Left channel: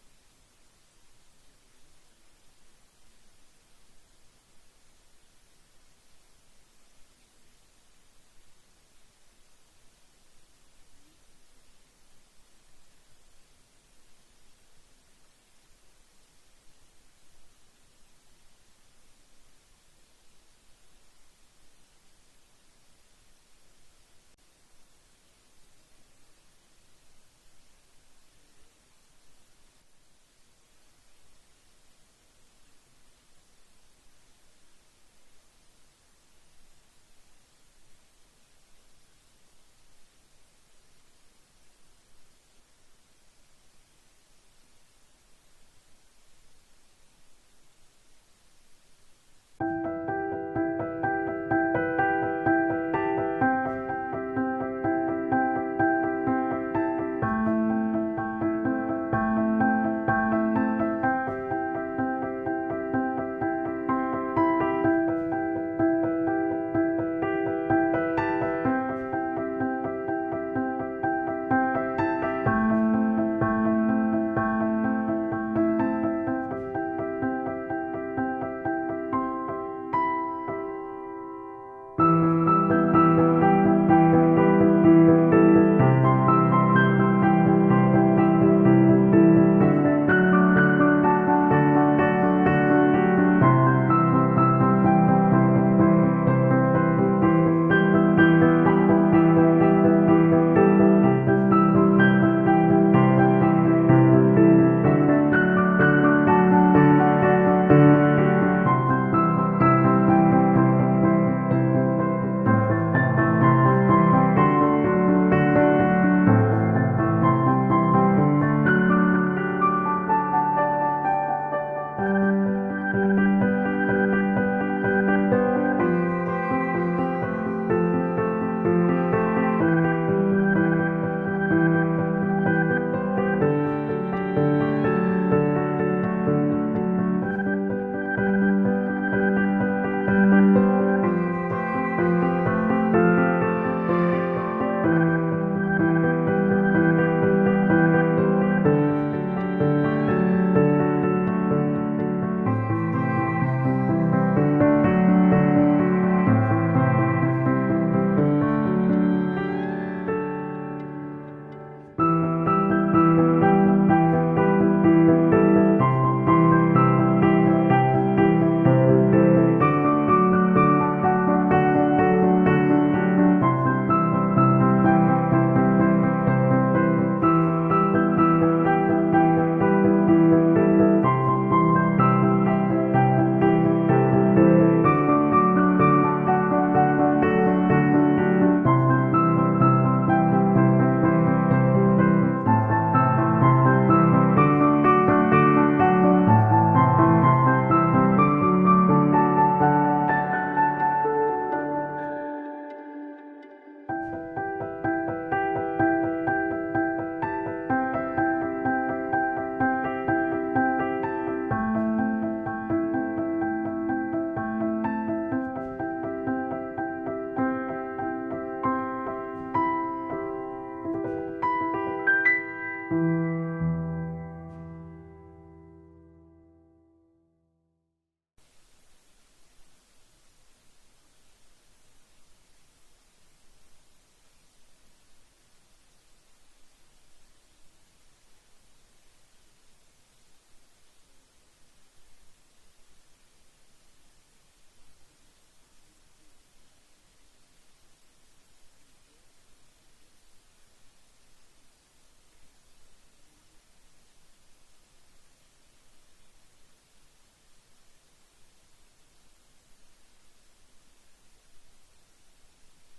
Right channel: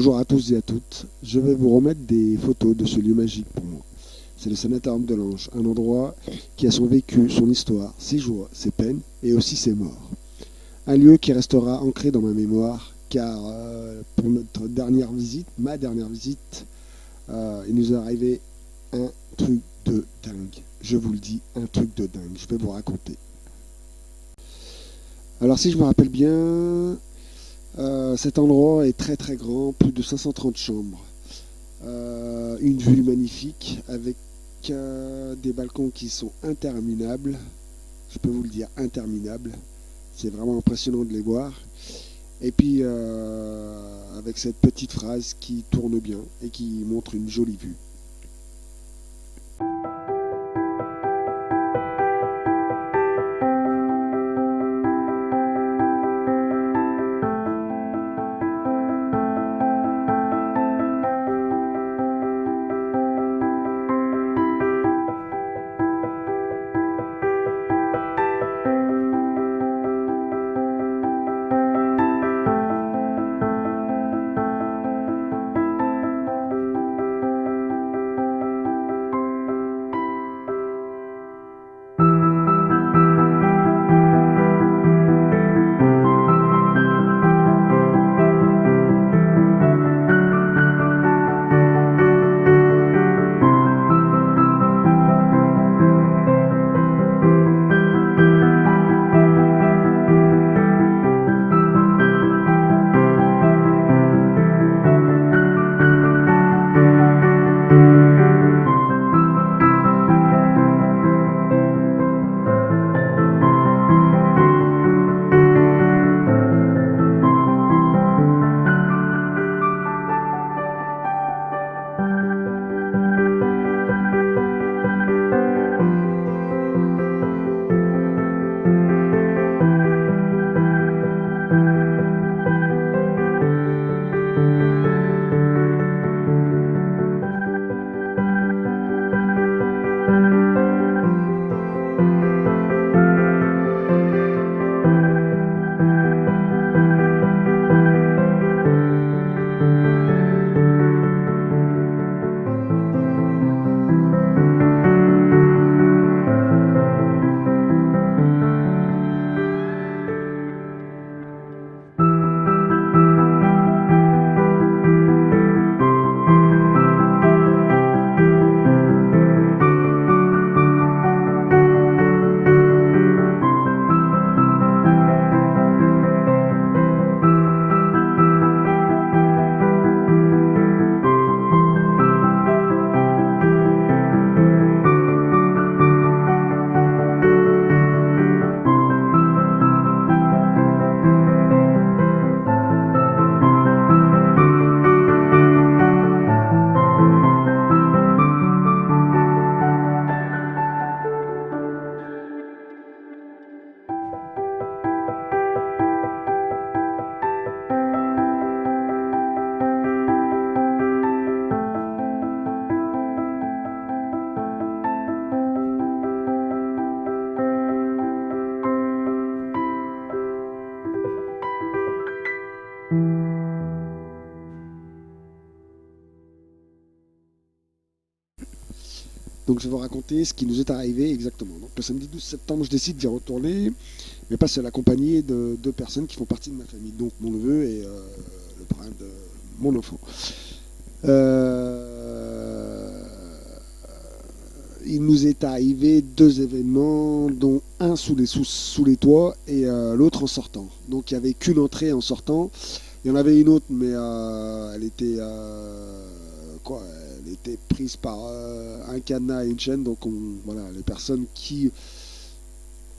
Bonjour à tous et à toutes. Je vais vous remettre des photos de ce lieu magique pour moi. C'est le Sanatorium de l'Ange, un endroit qui a son vécu, son histoire, ses joies, ses peines et aussi ses morts. Un lieu qui restera ancré dans ma mémoire car pour notre dernière visite, ma dernière visite, il nous est arrivé un truc de dingue. Je vous le dis, un truc de dingue. Je vais vous raconter. Alors si je me rappelle bien, cet endroit est très très grand, plus de 530 chambres. Une vue magnifique avec des balcons qui sont interminables. Je peux vous le dire, interminables. C'est vraiment impressionnant de les voir. Et puis avec cette petite phrase qui tourne bien et qui montre une jolie vue. Donc je vais vous raconter ce qui nous est arrivé exactement. Donc le samedi 12 septembre, je décide d'y retourner, mais pas seul, accompagné de deux personnes qui font partie de ma famille. Donc mon neveu et le parrain de mon enfant. Euh, il nous est arrivé deux événements, dont un sous les toits et l'autre en sortant. Donc il n'y avait qu'une entrée en sortant. Il y en avait une autre, mais elle était quoi, elle était prise par un cadenas et une chaîne. Donc voilà, les personnes qui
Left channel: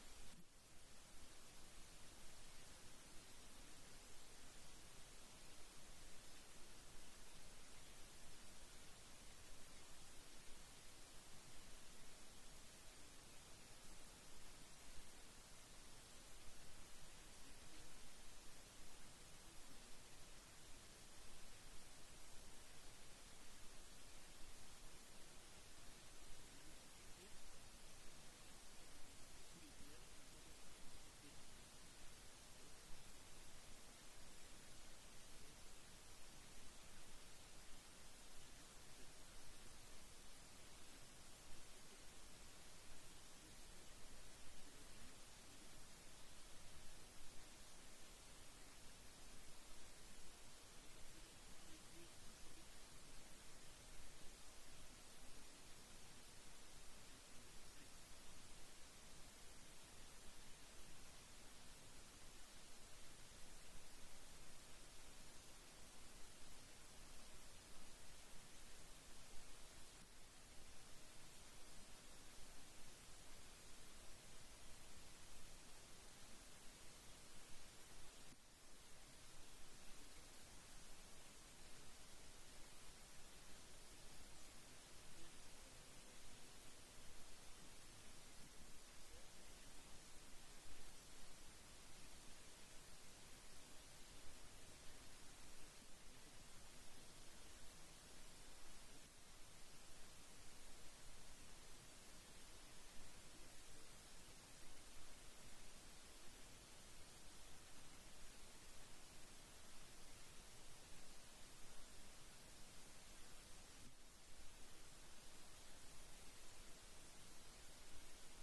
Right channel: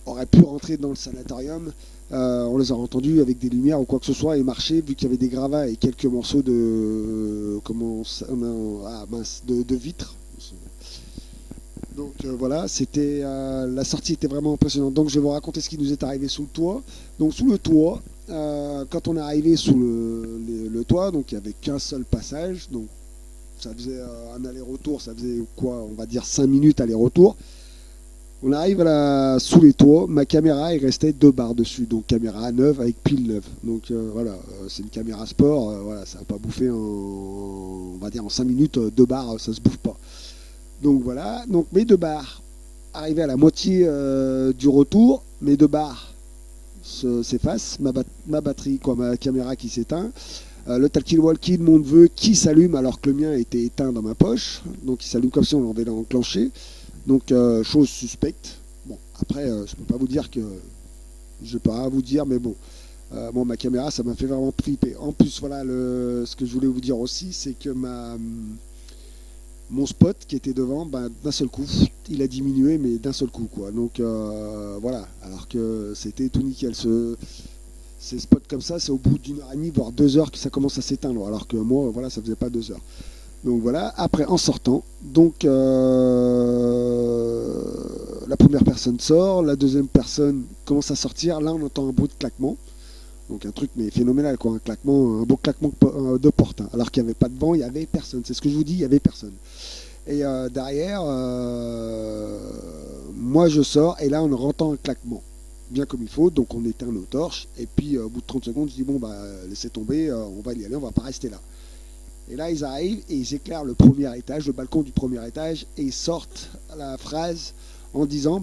auraient pu rentrer dans le sanatorium, on les a entendues avec des lumières ou quoi que ce soit et marcher, vu qu'il y avait des gravats et quelques morceaux de de vitre. Donc voilà, c'était la sortie était vraiment impressionnante. Donc je vais vous raconter ce qui nous est arrivé sous le toit. Donc sous le toit, quand on est arrivé sous le toit, donc il n'y avait qu'un seul passage. Donc ça faisait un aller-retour, ça faisait quoi, on va dire 5 minutes aller-retour. On arrive sous les toits, ma caméra, il restait 2 barres dessus, donc caméra neuve avec pile neuve. Donc voilà, c'est une caméra sport, voilà, ça va pas bouffer on va dire en 5 minutes, 2 barres, ça se bouffe pas. Donc voilà, donc mes 2 barres, arrivé à la moitié du retour, mes 2 barres s'effacent, ma batterie, quoi, ma caméra qui s'éteint, le talkie-walkie de mon neveu qui s'allume alors que le mien était éteint dans ma poche, donc il s'allume comme si on l'avait enclenché. Donc, chose suspecte. Bon, après, je peux pas vous dire que. Je peux pas vous dire, mais bon. Bon, ma caméra, ça m'a fait vraiment flipper. En plus, voilà, ce que je voulais vous dire aussi, c'est que mon spot qui était devant, ben, d'un seul coup, il a diminué, mais d'un seul coup, quoi. Donc, voilà. Alors que c'était tout nickel. Ces spots comme ça, c'est au bout d'une heure et demie, voire 2 heures que ça commence à s'éteindre. Alors que moi, voilà, ça faisait pas 2 heures. Donc voilà, après en sortant, donc la première personne sort, la deuxième personne commence à sortir, là on entend un bruit de claquement, donc un truc mais phénoménal quoi, un claquement, un beau claquement de porte, hein. Alors qu'il n'y avait pas de vent, il n'y avait personne, c'est ce que je vous dis, il n'y avait personne. Et derrière, moi je sors et là on entend un claquement, bien comme il faut, donc on éteint nos torches, et puis au bout de 30 secondes je dis bon bah laissez tomber, on va y aller, on va pas rester là. Et là, ils arrivent et ils éclairent le premier étage, le balcon du premier étage, et ils sortent la phrase en disant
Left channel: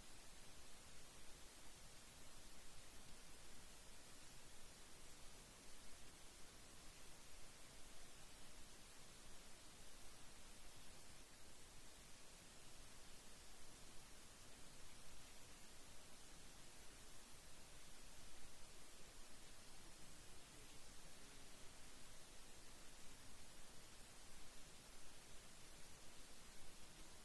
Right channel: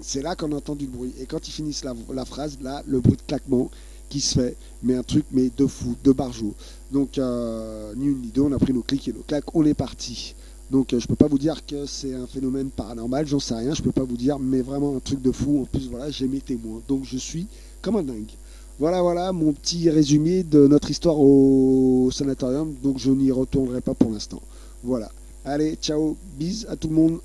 c'est là qu'on entend du bruit. Et quand ils finissent la phrase, là, le bruit de claquement qui se fait, mais un truc, mais de fou, de barjot. Donc, ni une ni deux, on a pris nos clics et nos claques, on est parti. Donc, je peux pas vous dire que c'est un phénomène paranormal, j'en sais rien, je peux pas vous dire, mais vraiment un truc de fou. En plus, voilà, j'ai mes témoins. Donc, je suis comme un dingue. Voilà, voilà mon petit résumé de notre histoire au sanatorium. Donc je n'y retournerai pas pour l'instant. Voilà. Allez, ciao, bis à tout le monde.